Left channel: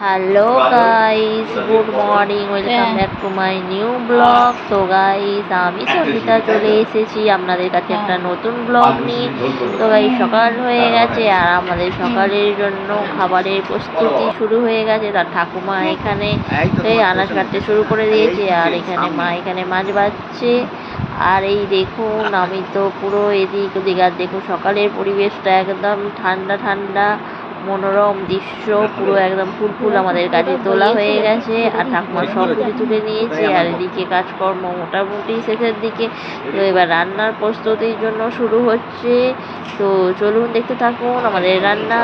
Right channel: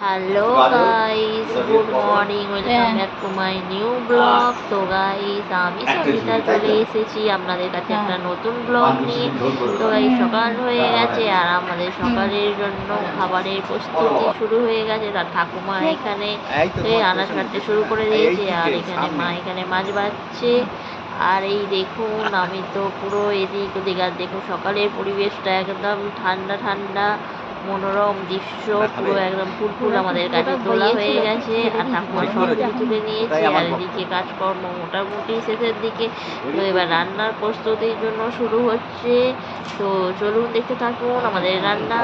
Hello guys, good morning, welcome back to my new blog. তো guys, আমি সবিতা চলে এসেছি আপনাদের কাছে একটা নতুন ব্লগ নিয়ে। তো গাইস, সকাল হয়ে গেছে আর আমাদের সকালের জন্য খাবারের প্রস্তুতি শুরু হয়ে গেছে। তার ঠাকুমা এখানে আনাজ কাটতে শুরু করে দিয়েছে আর এখানে মা এখানে মাছ বাছছে। আর এই দেখুন, আমি তো পুরো এদিক ওদিক, আর দেখুন সকালের পরিবেশটা একদম ঠান্ডা ঠান্ডা মনোরম দৃশ্য, পুরো একদম ফুল আমাদের কাছে তোলা হয়ে গেছে আর ঠাকুমা সব কিছু তুলে নিয়েছি। আর এদিকে কাজকর্ম মোটামুটি শেষের দিকে। তো এবার রান্নার প্রস্তুতির জন্য শুরু হচ্ছে। তো চলুন দেখতে থাকুন আমাদের রান্না।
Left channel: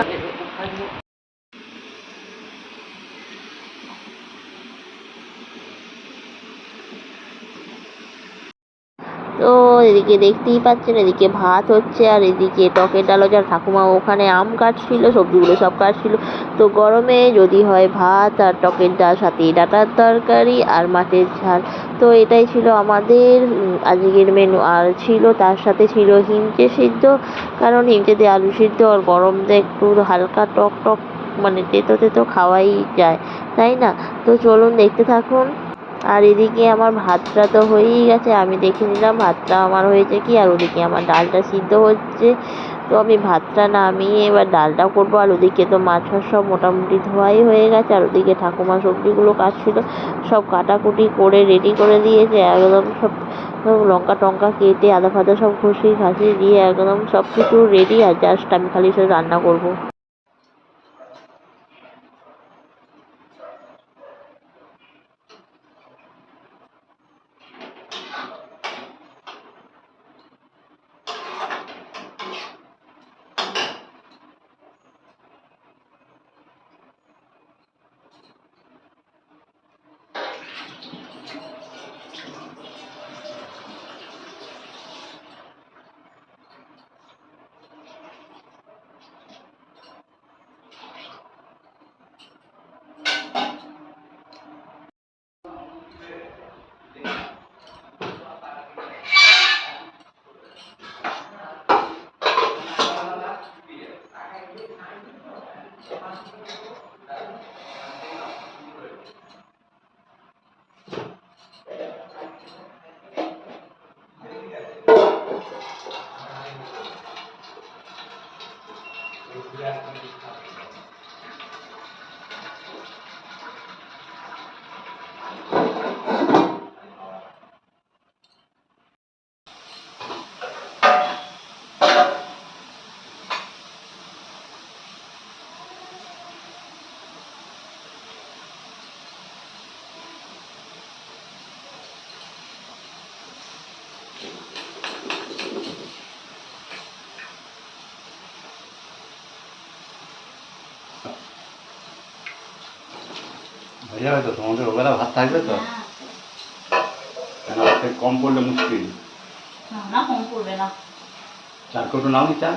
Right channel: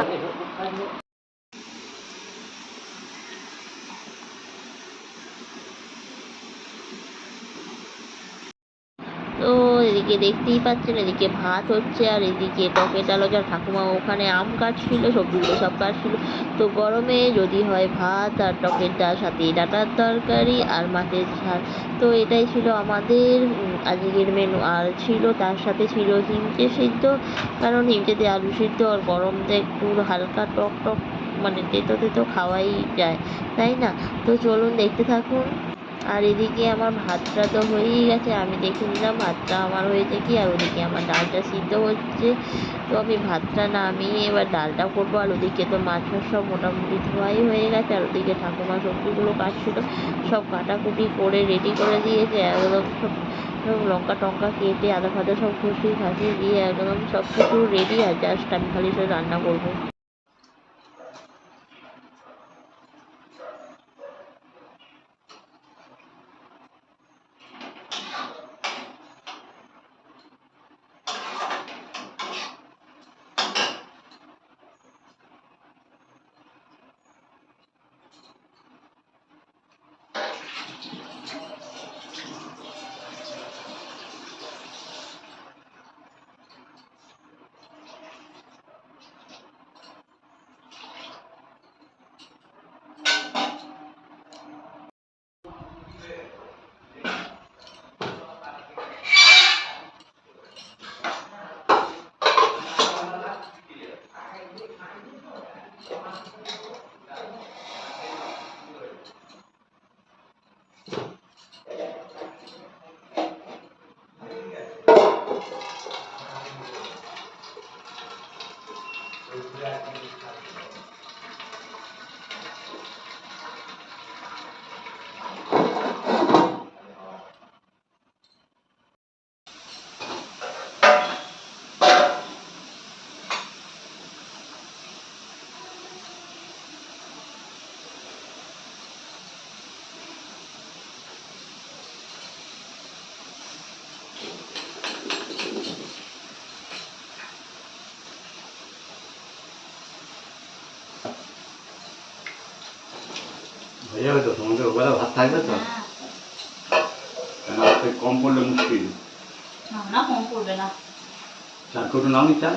তো এদিকে দেখতেই পাচ্ছেন, এদিকে ভাত হচ্ছে আর এদিকে টকের ডাল হচ্ছে। আর ঠাকুমা ওখানে আম কাটছিল, সবজিগুলো সব কাটছিল। তো গরমে যদি হয় ভাত আর টকের ডাল, সাথে ডাঁটার তরকারি আর মাছের ঝাল। তো এটাই ছিল আমাদের আজকের মেনু। আর ছিল তার সাথে ছিল হিঞ্চে সিদ্ধ, কারণ হিঞ্চে দিয়ে আলু সিদ্ধ আর গরমতে একটু হালকা টক টক, মানে তেতো তেতো খাওয়াই যায়, তাই না? তো চলুন দেখতে থাকুন। আর এদিকে আমার ভাতটা তো হয়েই গেছে, আমি দেখে নিলাম ভাতটা আমার হয়েছে কি। আর ওদিকে আমার ডালটা সিদ্ধ হচ্ছে। তো আমি ভাতটা নামিয়ে এবার ডালটা করবো। আর ওদিকে তো মাছ ফাছ সব মোটামুটি ধোয়াই হয়ে গেছে। আর ওদিকে ঠাকুমা সবজিগুলো কাটছিল, সব কাটাকুটি করে রেডি করে দিয়েছে একদম। সব সব লঙ্কা টঙ্কা কেটে আদা ফাদা সব ঘষিয়ে ঘাসিয়ে দিয়ে একদম সব কিছু রেডি। আর জাস্ট আমি খালি সব রান্না করবো। হয়ে যাবে তো, তোমাদের ওবেলা ভাত থাকবে তো? কম পড়লে মুশকিল। না, কম পড়বে না। চা টোটো নাও নি চা?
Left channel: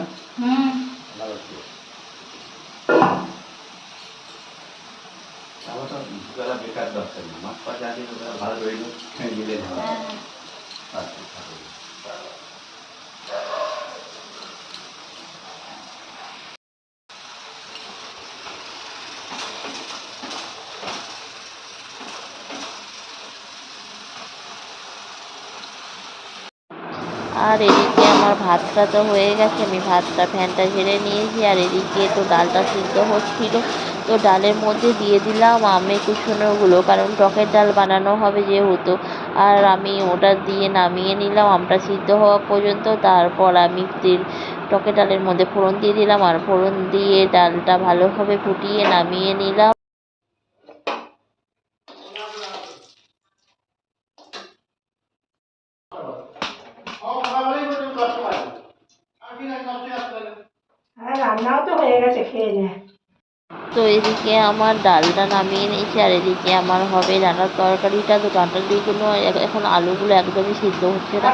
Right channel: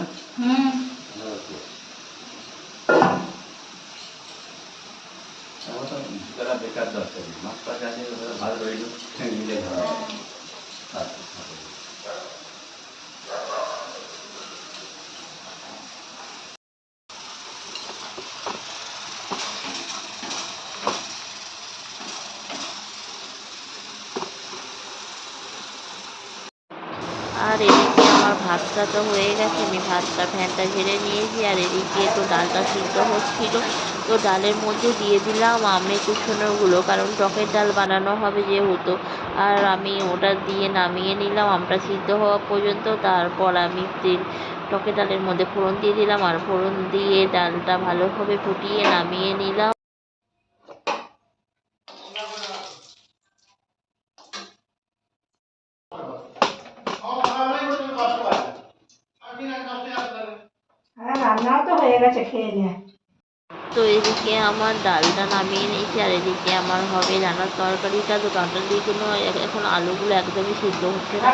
চাটা বেকার দরকার নেই, মাছ পাশে আছে ভালো রইল, মিলে যাবে। আর এদিকে আমার ভাতটা তো হয়ে গেছে, আমি ভাতটা ফ্যানটা ঝেড়ে নিয়েছি। আর এদিকে তো ডালটা সিদ্ধ হচ্ছিল, তো ডালের মধ্যে দিয়ে দিলাম আমের কুচনোগুলো, কারণ টকের ডাল বানানো হবে যেহেতু। আর আমি ওটা দিয়ে নামিয়ে নিলাম আমটা সিদ্ধ হওয়া পর্যন্ত। তারপর আমি টকের ডালের মধ্যে ফোড়ন দিয়ে দিলাম আর ফোড়ন দিয়ে ডালটা ভালোভাবে ফুটিয়ে নামিয়ে নিলাম। রান্নাও তো হয়ে গেছে, খেয়ে নে। তো এদিকে আমার ডালটা নামিয়ে নিয়েছি আর এদিকে আমার হবে ডাঁটার তরকারিটা। তো ডাঁটা দিয়ে জন্য এখন আলুগুলো একদমই সিদ্ধ হচ্ছে না,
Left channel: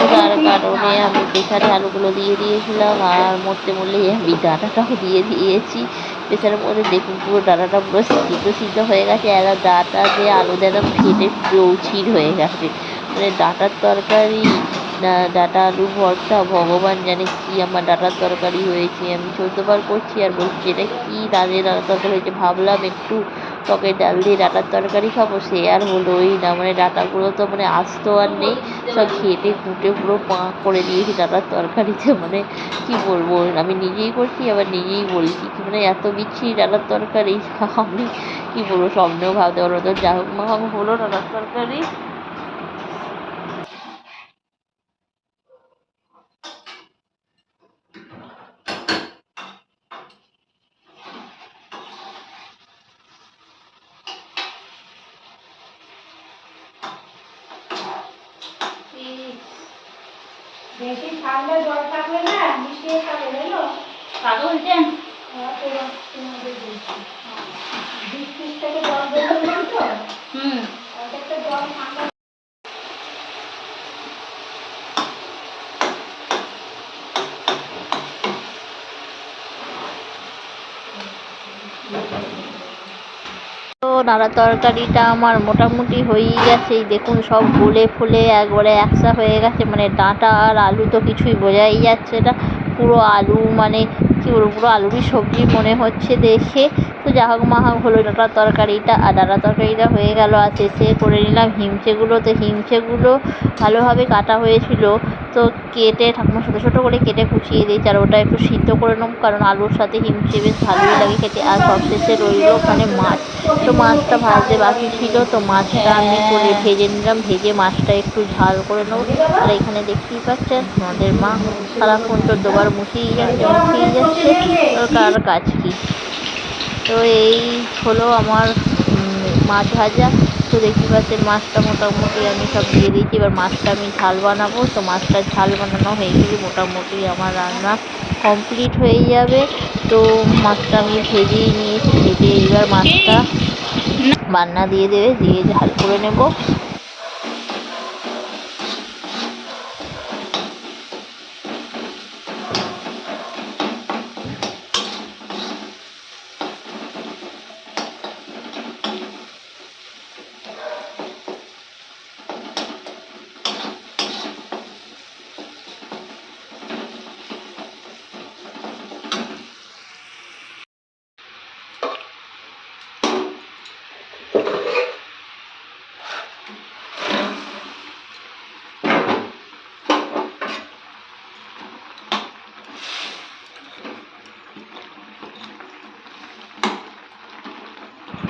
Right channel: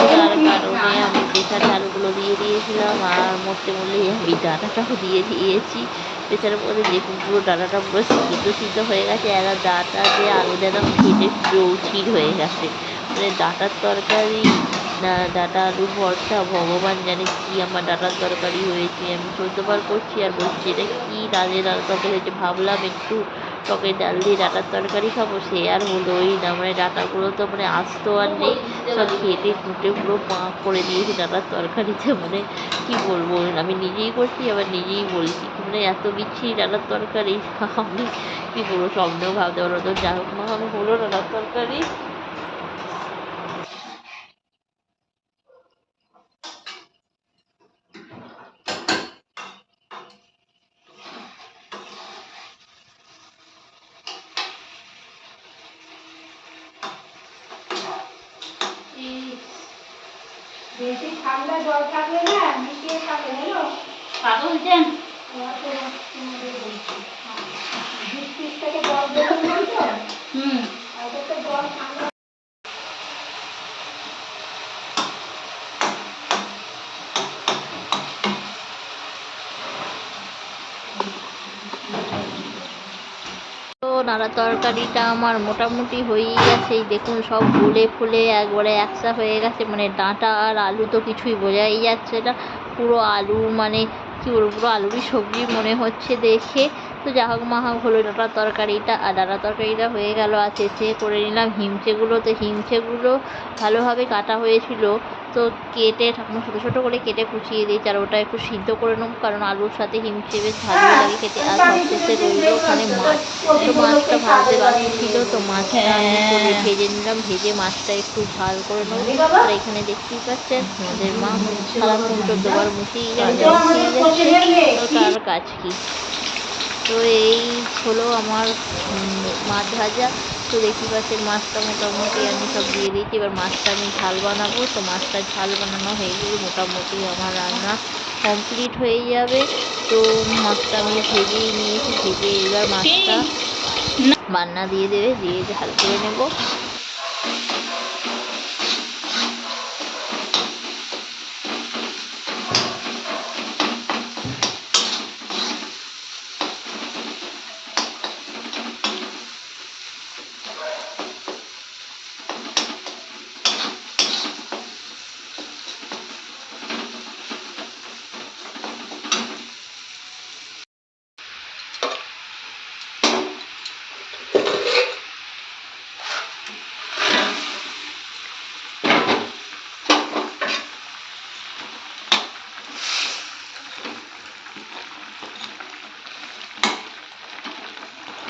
তো যার কারণে আমি প্রেসারে আলুগুলো দিয়ে দিয়েছিলাম আর মরতে মরলেই আমি ডাঁটাটাও দিয়ে দিয়েছি প্রেসারের মধ্যে। দেখুন পুরো ডাঁটাটা পুরো সিদ্ধ হয়ে গেছে আর ডাঁটা দিয়ে আলু একদম ফেটে চৌচির হয়ে গেছে। মানে ডাঁটার তরকারি না, ডাঁটা আলু ভর্তা, ভগবান জানে কি আমার ডাঁটার তরকারি হয়েছে। আমি 14বার করছি আর বলছি এটা কী ডালের ডাঁটার তরকারি হয়েছে। ভাবলাম একটু টকের ডাল দিয়ে ডাঁটার তরকারি খাবো, সে আর হলোই না। মানে ডাঁটাগুলো তো মানে আস্ত আর নেই, সব ঘেঁটে খুঁটে পুরো পাঁক করে দিয়েছি ডাঁটার তরকারিতে। মানে কি বলবো, আমি নিজেই করছি আবার নিজেই বলছি কি মানে এত বিচ্ছিরি ডাঁটার তরকারি। আমি কি বলবো, স্বপ্নেও ভাবতে পারবো। তো যা হোক মা হলো ডাঁটার তরকারি। বেশি ঠান্ডা জল থাকলে না মিশিয়ে খাবে, হলো কাকে বলছেন? তোমাদের বলছি বৃষ্টির থেকে জল বেরোনো তো, হুম। ওদের তো জল ঠান্ডা। তো নাড়া তরকারিটা আমার মোটামুটি হয়েই গেছে। দেখুন সব গলে ফুলে একবারে একসা হয়ে গেছে। মানে ডাঁটা আর আলু তো কিছুই বোঝাই যাচ্ছে না, পুরো আলু মানে কী বলবো, পুরো আলুরই সবজি মনে হচ্ছে দেখে। তো যা হোক মা হোক হলো ডাঁটার তরকারিটা, আর ডাঁটার তরকারিটা হয়ে গেল। আর শেষে করে নিলাম হিমচেগুলো। তো হিমচেগুলো ভালোভাবে কাটা হয়েছিল, তো কেটে ঠাকুমা ছোটো ছোটো করে কেটে কুচিয়ে দিয়েছি। আর ওটা একটু সিদ্ধ করে নেব, কারণ আলুর সাথে হিমচে বেশ ভালোই লাগে খেতে। আর সবশেষে রইল ওখানে মাছ। তো মাছটা ভাজতে বাকি ছিল, তো মাছটা আমি করে ভেজে নিলাম। ভেজে মাছটা একটু ঝাল করে নেবো। আর এখানে দেখতেই পাচ্ছেন আমাদের মা সারাক্ষণ 14বার মুছেই যাচ্ছে ওর কার কাজ কি। তো এই হলো আমার মাছ ভাজা। তো দেখতে পাচ্ছেন মাছটা মোটামুটি আমি সব দিয়ে দিয়েছি। এবার মাছটা আমি ঝাল বানাবো। তো মাছটা ঝাল বানানো হয়ে গেলে মোটামুটি আমার রান্না কমপ্লিট হয়ে যাবে। তো মাছটা আমি ভেজেই নিয়েছি, ভেজে এবার মাছটা বান্না দিয়ে দিয়ে ঝাল করে নেব।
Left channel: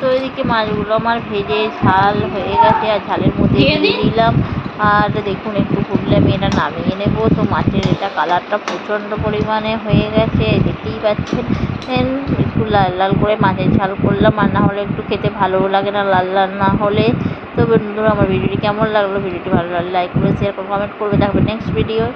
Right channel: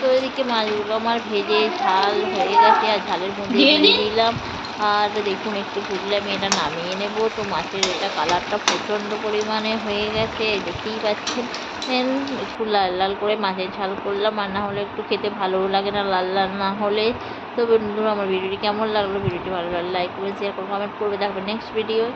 তো এদিকে মাছগুলো আমার ভেজে ঝাল হয়ে গেছে আর ঝালের মধ্যে দিয়ে দিলাম। আর দেখুন একটু ফুটলে আমি এটা নামিয়ে নেব। তো মাছের এটা কালারটা প্রচণ্ড পরিমাণে হয়ে গেছে, দেখতেই পাচ্ছেন। একটু লাল লাল করে মাছের ঝাল করলাম, আর না হলে একটু খেতে ভালোও লাগে না লাল লাল না হলে। তো বন্ধুরা আমার ভিডিওটি কেমন লাগলো, ভিডিওটি ভালো লাগলে লাইক করে শেয়ার করে কমেন্ট করবে। দেখবেন নেক্সট ভিডিও।